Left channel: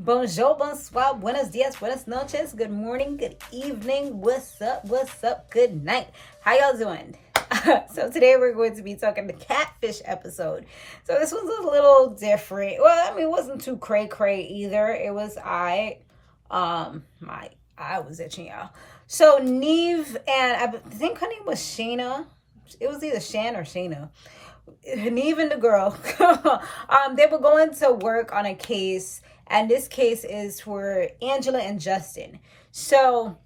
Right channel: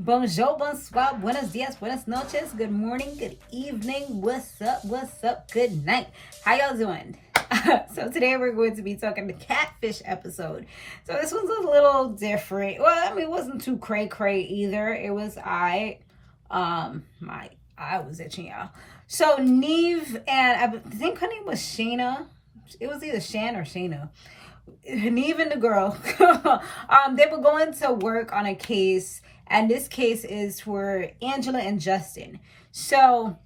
Bonjour, bonsoir, buenos dias, buenas noches, good morning, good evening, what's up, good night. How y'all doing? So today we're going to be talking the Catfish episode. So this one's a little different. Well, I mean, it wasn't too cray either. It was my eye was itching, y'all. So Nev and I think her name was Shana. It was either Shan or Shana. Nev and the girl, they were going to work on a case, and this case is for Angela and Justin. So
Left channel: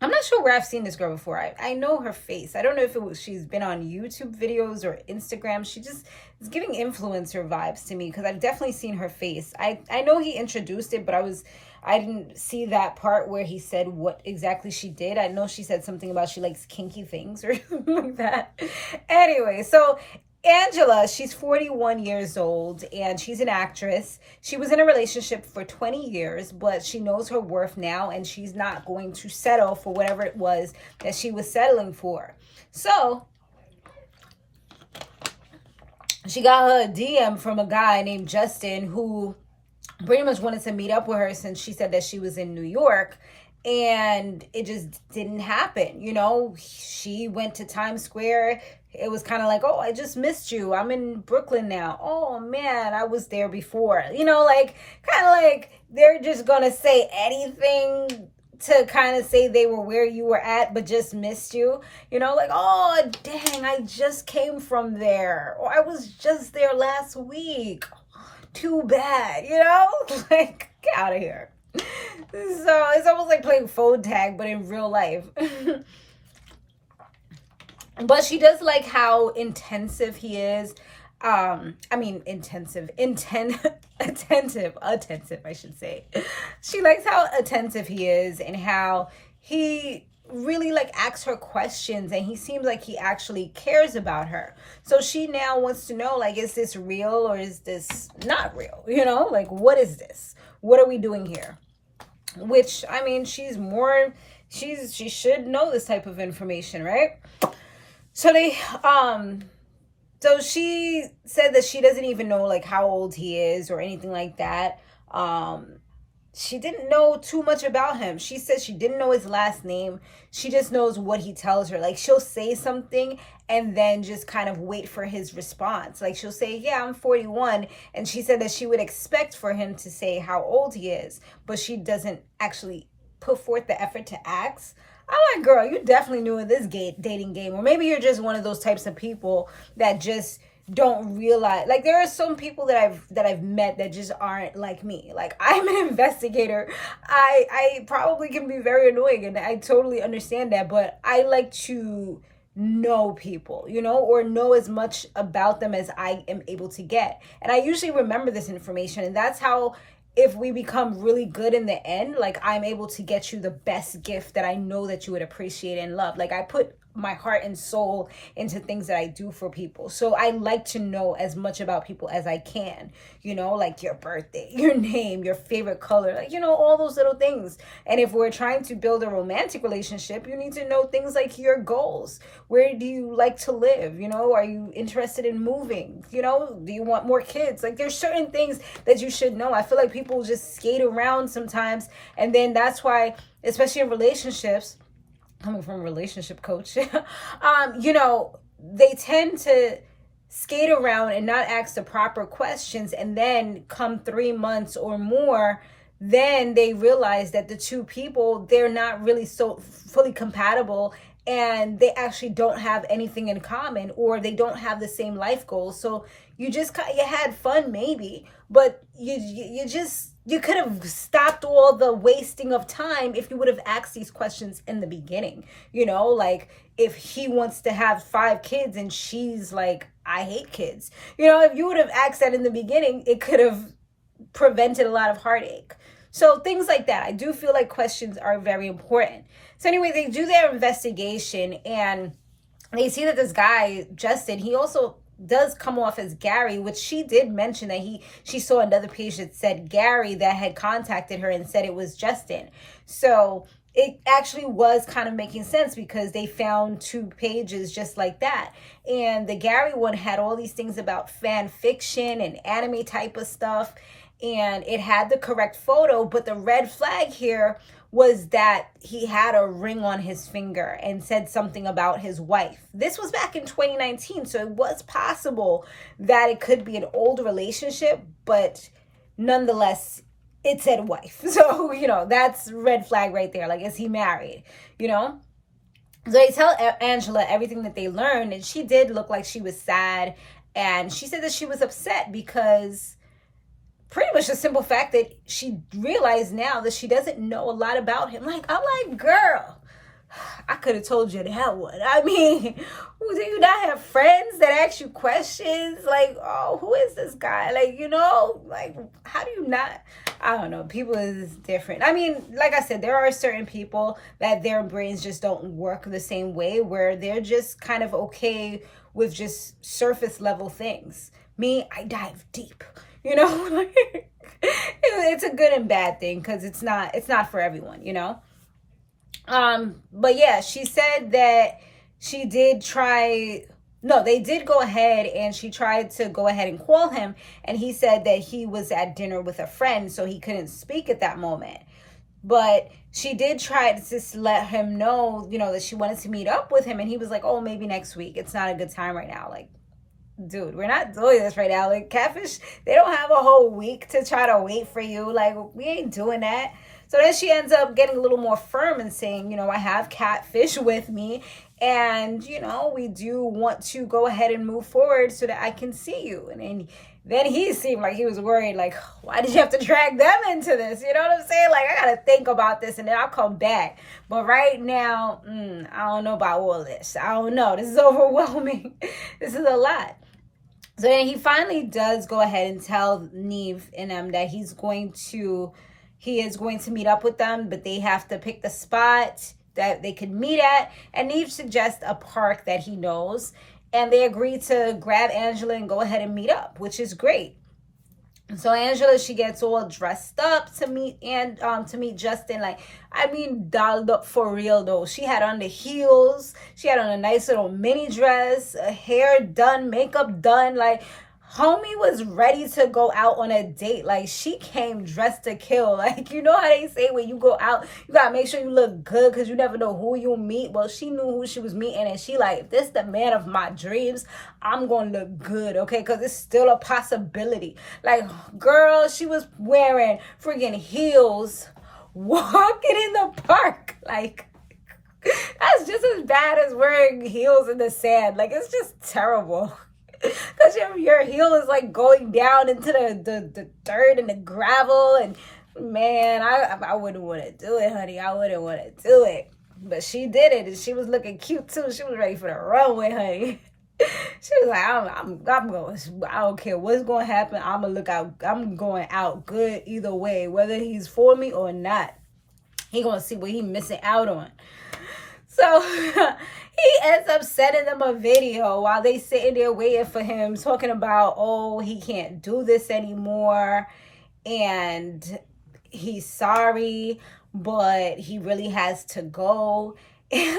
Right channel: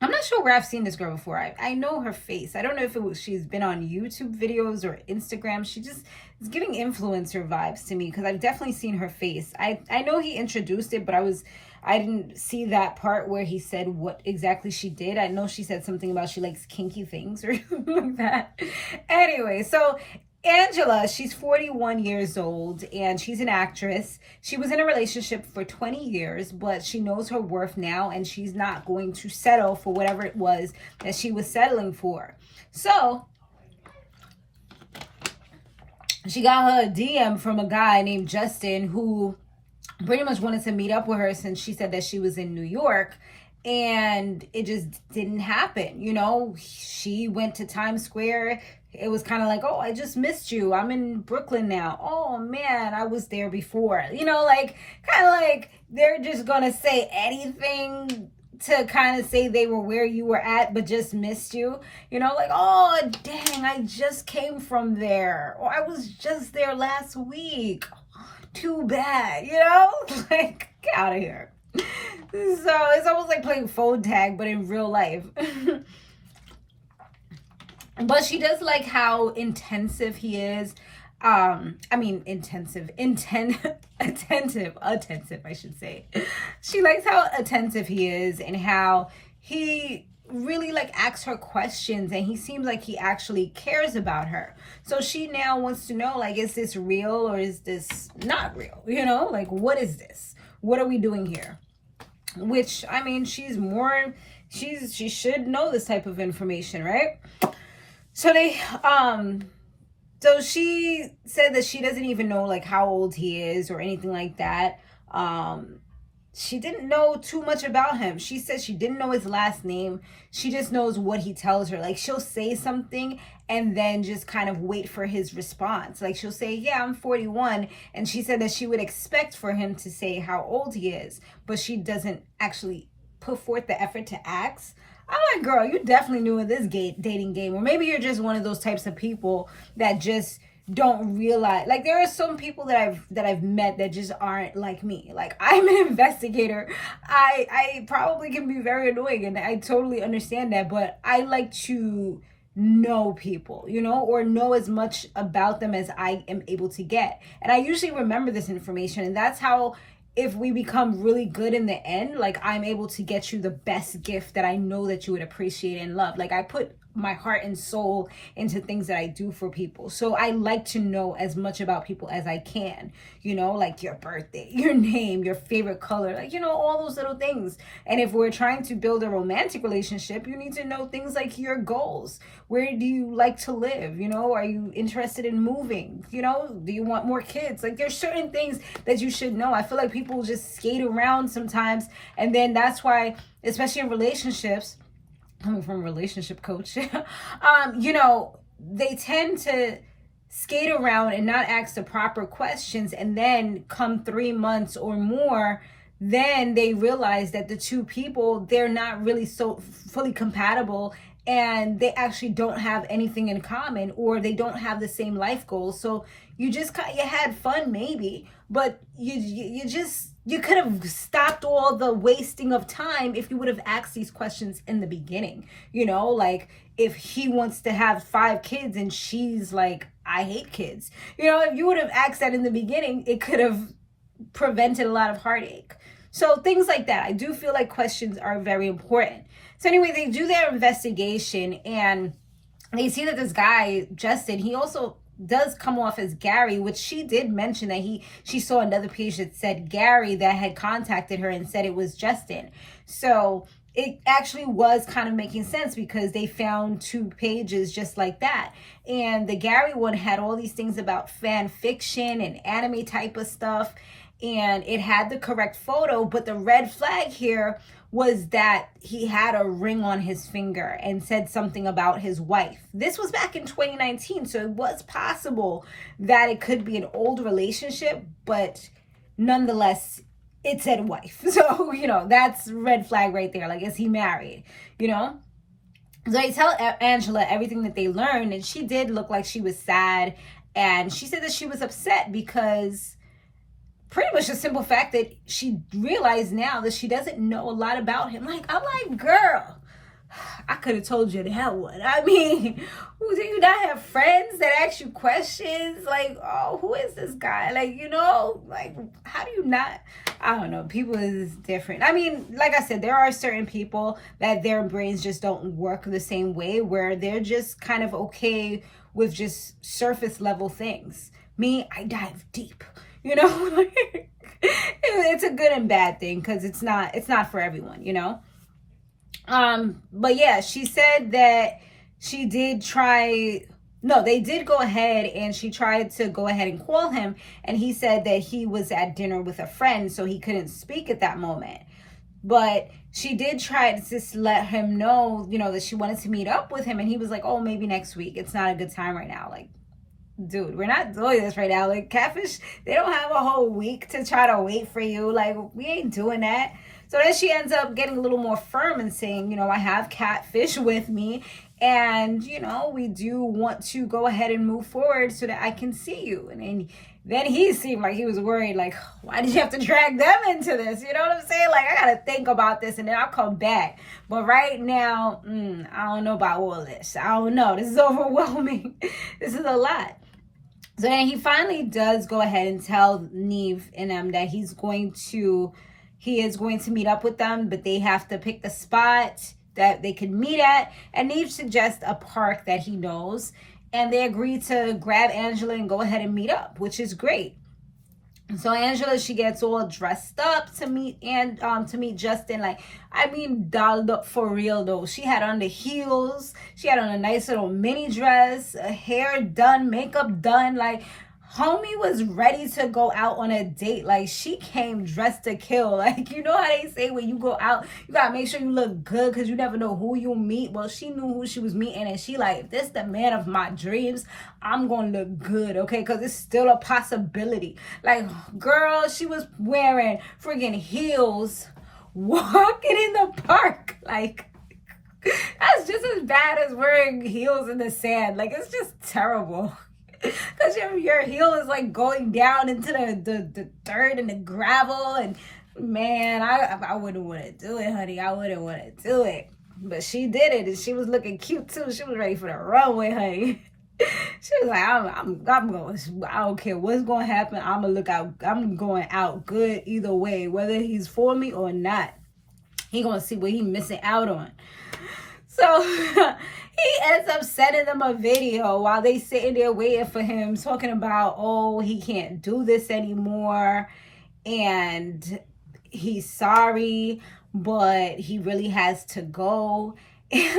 I'm not sure where I've seen this girl before. I know her face. I don't know if she's been on YouTube videos or Instagram. She just is giving influencer vibes to me because I've definitely seen her face. I know he introduced it, but I didn't see that part where he said what exactly she did. I know she said something about she likes kinky things or something like that. Anyway, so Angela, she's 41 years old and she's an actress. She was in a relationship for 20 years, but she knows her worth now and she's not going to settle for whatever it was that she was settling for. So she got her a DM from a guy named Justin who pretty much wanted to meet up with her since she said that she was in New York. And it just didn't happen. You know, she went to Times Square. It was kind of like, oh, I just missed you. I'm in Brooklyn now. Oh, man, I was there before. You know, like, kind of like they're just going to say anything to kind of say they were where you were at, but just missed you. You know, like, oh, dang, I just came from there. Or I was just there last week. Too bad, you know? Like, get out of here. So it's almost like playing phone tag, but in real life. But she does like how intensive he is. Attentive, I should say. She likes how attentive he is and how he really like asks her questions and he seems like he actually cares about her. So she now wants to know, like, is this real or is this not real? You know, like, what is this? What are we doing here? Which, I mean, she should know this type of information, right? So so she said that she doesn't even know like how old he is or anything like that. She didn't know too much about him. She said she didn't know his last name. She just knows what he tells her. Like, she'll say something and then just kind of wait for his response. Like, she'll say, yeah, I'm 41. And she said that she would expect for him to say how old he is, but she doesn't actually put forth the effort to ask. I'm like, girl, you definitely knew in this dating game. Or maybe you're just one of those types of people that just don't realize, like, there are some people that I've met that just aren't like me. Like, I'm an investigator. I probably can be very annoying and I totally understand that, but I like to know people, you know, or know as much about them as I am able to get. And I usually remember this information, and that's how, if we become really good in the end, like, I'm able to get you the best gift that I know that you would appreciate and love. Like, I put my heart and soul into things that I do for people. So I like to know as much about people as I can, you know, like your birthday, your name, your favorite color, like, you know, all those little things. And if we're trying to build a romantic relationship, you need to know things like your goals. Where do you like to live? You know, are you interested in moving? You know, do you want more kids? Like, there's certain things that you should know. I feel like people just skate around sometimes. And then that's why, especially in relationships, coming from a relationship coach, you know, they tend to skate around and not ask the proper questions. And then come 3 months or more, then they realize that the two people, they're not really so fully compatible and they actually don't have anything in common, or they don't have the same life goals. So you had fun maybe, but you could have stopped all the wasting of time if you would have asked these questions in the beginning. You know, like, if he wants to have 5 kids and she's like, I hate kids. You know, if you would have asked that in the beginning, it could have prevented a lot of heartache. So things like that. I do feel like questions are very important. So anyway, they do their investigation and they see that this guy, Justin, he also does come off as Gary, which she did mention that she saw another page that said Gary that had contacted her and said it was Justin. So it actually was kind of making sense because they found 2 pages just like that. And the Gary one had all these things about fan fiction and anime type of stuff. and it had the correct photo, but the red flag here was that he had a ring on his finger and said something about his wife. This was back in 2019, so it was possible that it could be an old relationship, but nonetheless, it said wife. So, that's red flag right there. Like, is he married? So they tell Angela everything that they learned, and she did look like she was sad, and she said that she was upset because pretty much the simple fact that she realized now that she doesn't know a lot about him. Like, I'm like, girl, I could have told you that one. I mean, do you not have friends that ask you questions? Like, oh, who is this guy? Like, like, how do you not? I don't know. People is different. I mean, like I said, there are certain people that their brains just don't work the same way, where they're just kind of okay with just surface level things. Me, I dive deep. It's a good and bad thing, because it's not for everyone, but yeah, she said that she did try. No, they did go ahead, and she tried to go ahead and call him, and he said that he was at dinner with a friend, so he couldn't speak at that moment. But she did try to just let him know, that she wanted to meet up with him, and he was like, oh, maybe next week. It's not a good time right now. Like, dude, we're not doing this right now. Like, Catfish, they don't have a whole week to try to wait for you. Like, we ain't doing that. So then she ends up getting a little more firm and saying, I have Catfish with me, and, we do want to go ahead and move forward so that I can see you. And then he seemed like he was worried, like, why did you have to drag them into this? You know what I'm saying? Like, I got to think about this, and then I'll come back. But right now, I don't know about all this. I don't know. This is overwhelming. This is a lot. So then he finally does go ahead and tell Nev and them that he is going to meet up with them, but they have to pick the spot that they could meet at. And Nev suggests a park that he knows, and they agree to grab Angela and go ahead and meet up, which is great. So Angela, she gets all dressed up to meet Justin. Like, I mean, dolled up for real though. She had on the heels. She had on a nice little mini dress, hair done, makeup done. Like, homie was ready to go out on a date. Like, she came dressed to kill. Like, you know how they say when you go out, you gotta make sure you look good, because you never know who you'll meet. Well, she knew who she was meeting, and she like, if this the man of my dreams, I'm gonna look good, okay? Because it's still a possibility. Like, girl, she was wearing friggin' heels, walking in the park. Like, that's just as bad as wearing heels in the sand. Like, it's just terrible. Because your heel is like going down into the dirt and the gravel, and man, I wouldn't want to do it, honey. I wouldn't want to do it. But she did it, and she was looking cute too. She was ready for the runway, honey. She was like, I'm going. I don't care what's going to happen. I'm gonna look out. I'm going out good either way, whether he's for me or not. He gonna see what he missing out on. So he ends up sending them a video while they sitting there waiting for him, talking about, oh, he can't do this anymore, and he's sorry, but he really has to go. I'm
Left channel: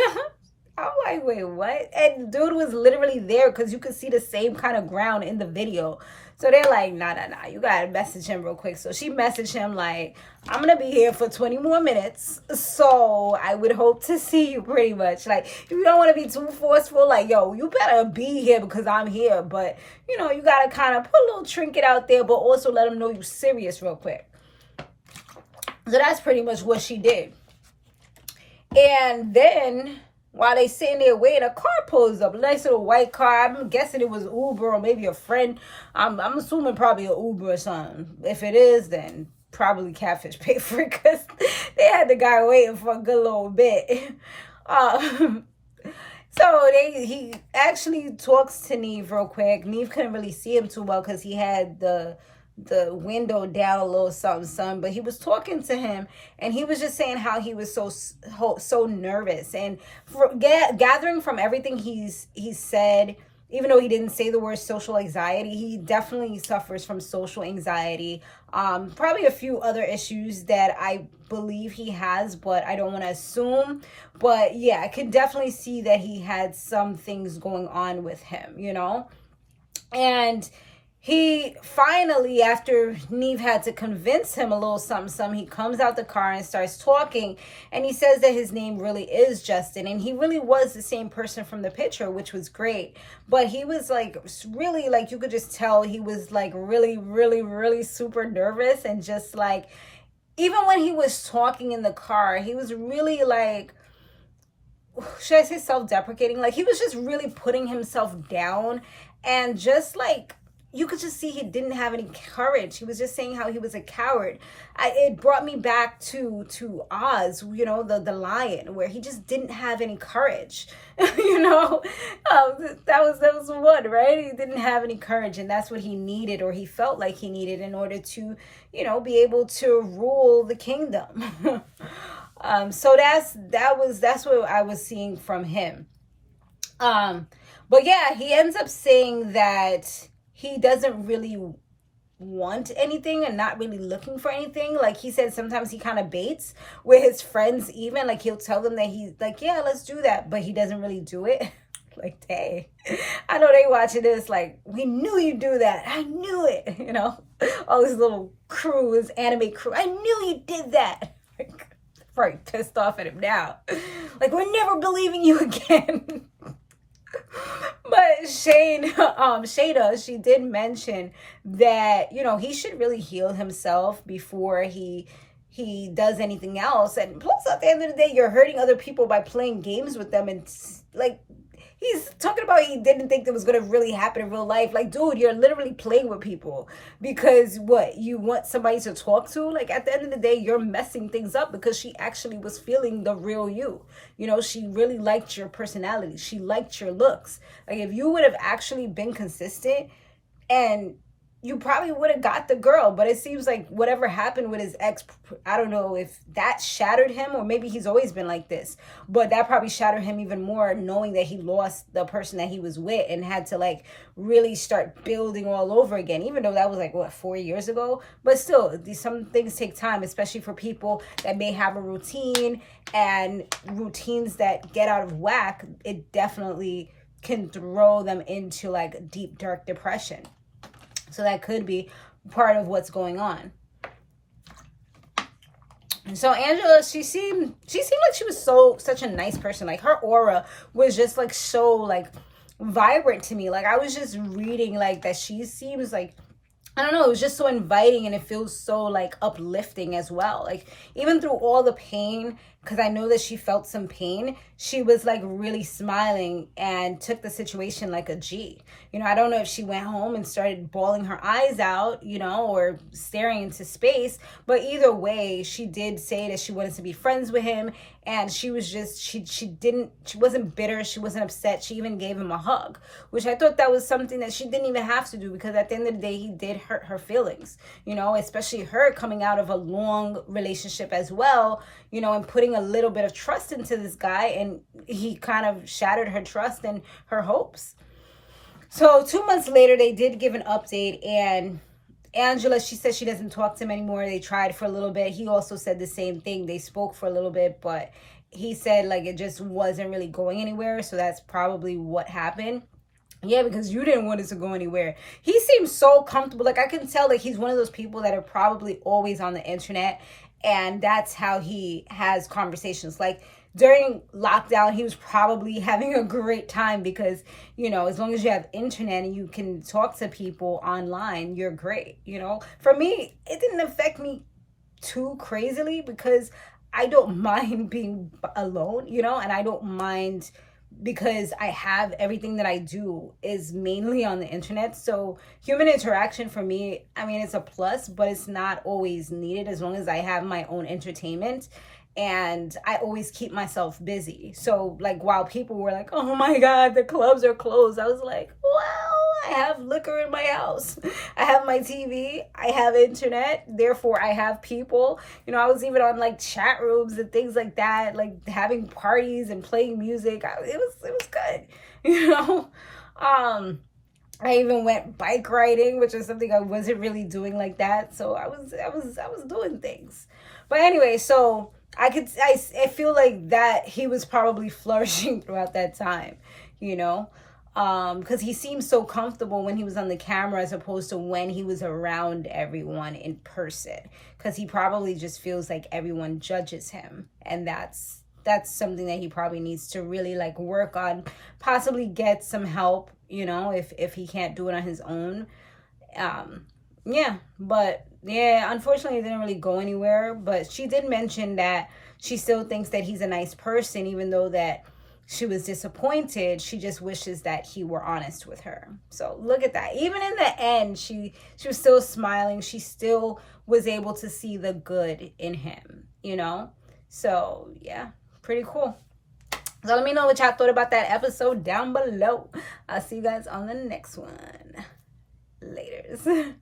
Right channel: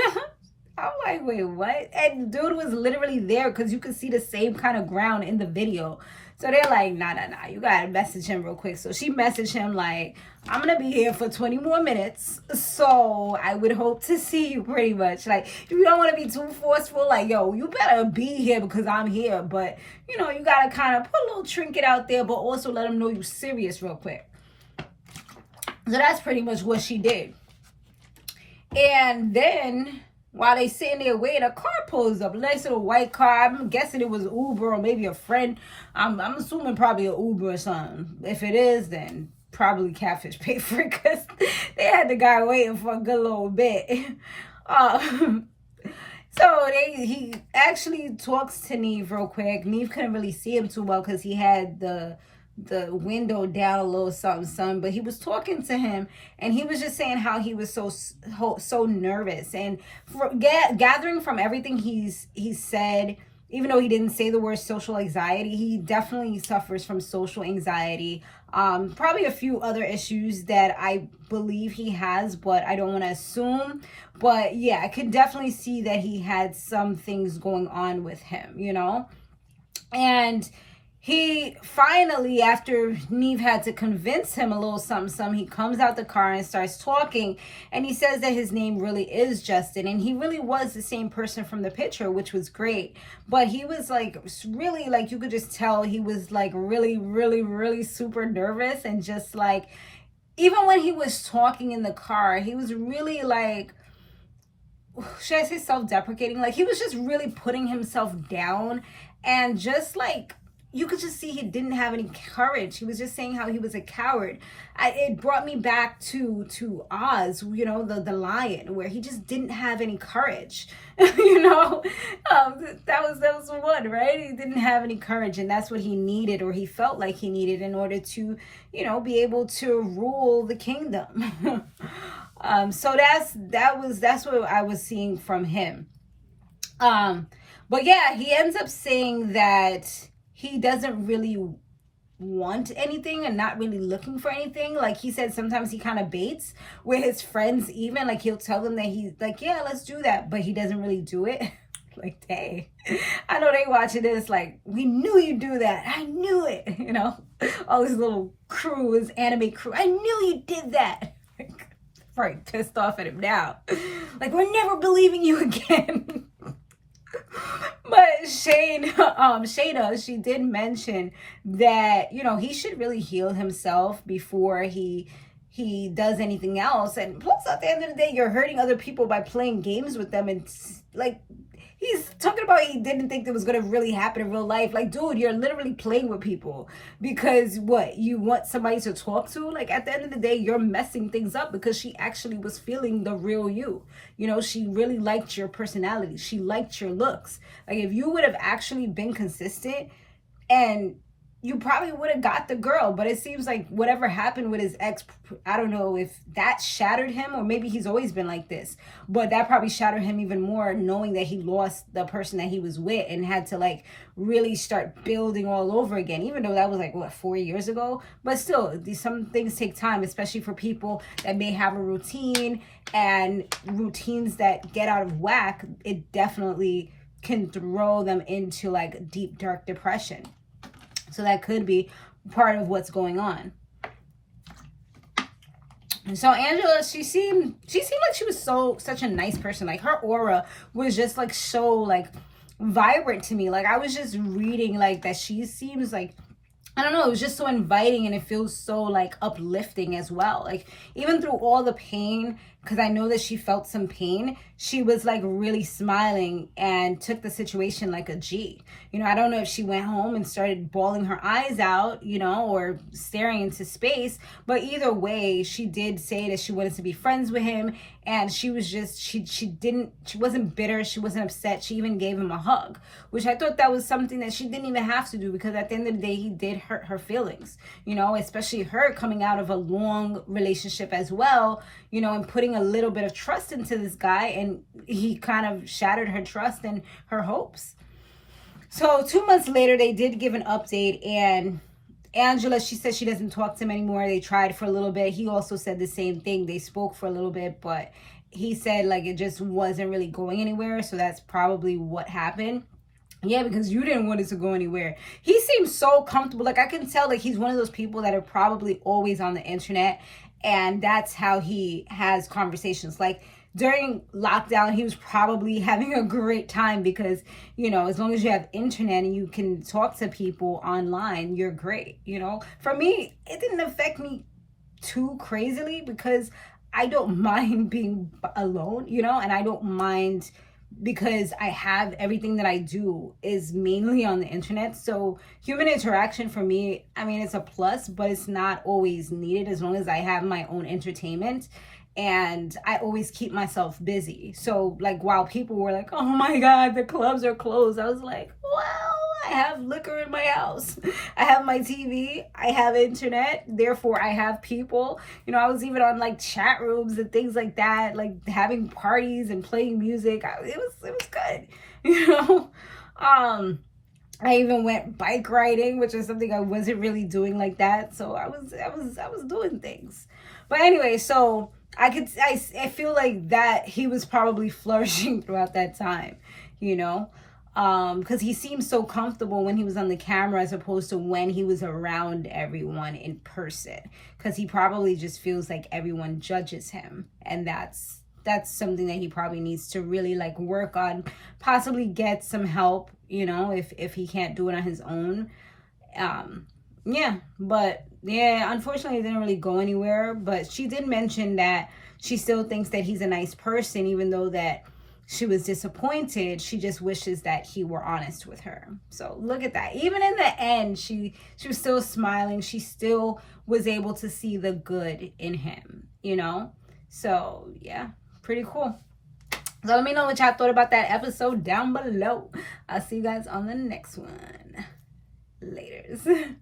like, wait, what? And dude was literally there, because you could see the same kind of ground in the video. So they're like, nah, you gotta message him real quick. So she messaged him like, I'm gonna be here for 20 more minutes, so I would hope to see you, pretty much. Like, if you don't want to be too forceful, like, yo, you better be here because I'm here. But, you gotta kind of put a little trinket out there, but also let them know you're serious real quick. So that's pretty much what she did. And then, while they sitting there waiting, a car pulls up, a nice little white car. I'm guessing it was Uber or maybe a friend. I'm assuming probably an Uber or something. If it is, then probably Catfish paid for it, because they had the guy waiting for a good little bit. So he actually talks to Nev real quick. Nev couldn't really see him too well because he had the window down a little something, but he was talking to him, and he was just saying how he was so nervous, and gathering from everything he's said, even though he didn't say the word social anxiety, he definitely suffers from social anxiety. Probably a few other issues that I believe he has, but I don't want to assume. But yeah, I could definitely see that he had some things going on with him, And he finally, after Nev had to convince him a little something, he comes out the car and starts talking. And he says that his name really is Justin. And he really was the same person from the picture, which was great. But he was like, really, like, you could just tell he was like really, really, really super nervous. And just like, even when he was talking in the car, he was really like, should I say self-deprecating? Like, he was just really putting himself down, and just like, you could just see he didn't have any courage. He was just saying how he was a coward. It brought me back to Oz, you know, the lion, where he just didn't have any courage. You know, that was one, right? He didn't have any courage, and that's what he needed, or he felt like he needed, in order to, you know, be able to rule the kingdom. So that's what I was seeing from him. But yeah, he ends up saying that he doesn't really want anything and not really looking for anything. Like, he said sometimes he kind of baits with his friends, even like he'll tell them that he's like, yeah, let's do that, but he doesn't really do it. Like, dang, I know they watching this like, we knew you'd do that. I knew it. You know, all these little crews, anime crew. I knew you did that. Probably pissed off at him now. Like, we're never believing you again. But Shayna, she did mention that, you know, he should really heal himself before he does anything else. And plus, at the end of the day, you're hurting other people by playing games with them. And like, he's talking about he didn't think that was going to really happen in real life. Like, dude, you're literally playing with people because what? You want somebody to talk to? Like, at the end of the day, you're messing things up, because she actually was feeling the real you. You know, she really liked your personality. She liked your looks. Like, if you would have actually been consistent, and you probably would have got the girl. But it seems like whatever happened with his ex, I don't know if that shattered him, or maybe he's always been like this, but that probably shattered him even more, knowing that he lost the person that he was with and had to like really start building all over again, even though that was like, what, 4 years ago? But still, some things take time, especially for people that may have a routine, and routines that get out of whack, it definitely can throw them into like deep, dark depression. So that could be part of what's going on. And so Angela, she seemed like she was such a nice person. Like, her aura was just like so like vibrant to me. Like, I was just reading like that she seems like, I don't know, it was just so inviting, and it feels so like uplifting as well. Like, even through all the pain, because I know that she felt some pain, she was like really smiling and took the situation like a G. You know, I don't know if she went home and started bawling her eyes out, you know, or staring into space, but either way, she did say that she wanted to be friends with him, and she was just, she wasn't bitter, she wasn't upset, she even gave him a hug, which I thought that was something that she didn't even have to do, because at the end of the day, he did hurt her feelings, you know, especially her coming out of a long relationship as well, you know, and putting a little bit of trust into this guy, and he kind of shattered her trust and her hopes. So 2 months later, they did give an update, and Angela, she said she doesn't talk to him anymore. They tried for a little bit. He also said the same thing. They spoke for a little bit, but he said like it just wasn't really going anywhere. So that's probably what happened. Yeah, because you didn't want it to go anywhere. He seems so comfortable. Like, I can tell like he's one of those people that are probably always on the internet, and that's how he has conversations. Like, during lockdown, he was probably having a great time, because, you know, as long as you have internet and you can talk to people online, you're great. You know, for me, it didn't affect me too crazily, because I don't mind being alone, you know, and I don't mind, because I have everything that I do is mainly on the internet. So human interaction for me, I mean, it's a plus, but it's not always needed, as long as I have my own entertainment. And I always keep myself busy. So like, while people were like, oh my God, the clubs are closed, I was like, well, I have liquor in my house. I have my TV. I have internet. Therefore, I have people. You know, I was even on like chat rooms and things like that, like having parties and playing music. It was good. You know, I even went bike riding, which is something I wasn't really doing like that. So I was doing things. But anyway, so I feel like that he was probably flourishing throughout that time, you know. because he seemed so comfortable when he was on the camera as opposed to when he was around everyone in person, because he probably just feels like everyone judges him, and that's something that he probably needs to really like work on, possibly get some help, you know, if he can't do it on his own. Yeah, but yeah, unfortunately it didn't really go anywhere, but she did mention that she still thinks that he's a nice person, even though that she was disappointed. She just wishes that he were honest with her. So look at that. Even in the end, she was still smiling. She still was able to see the good in him, you know? So yeah, pretty cool. So let me know what y'all thought about that episode down below. I'll see you guys on the next one. Laters.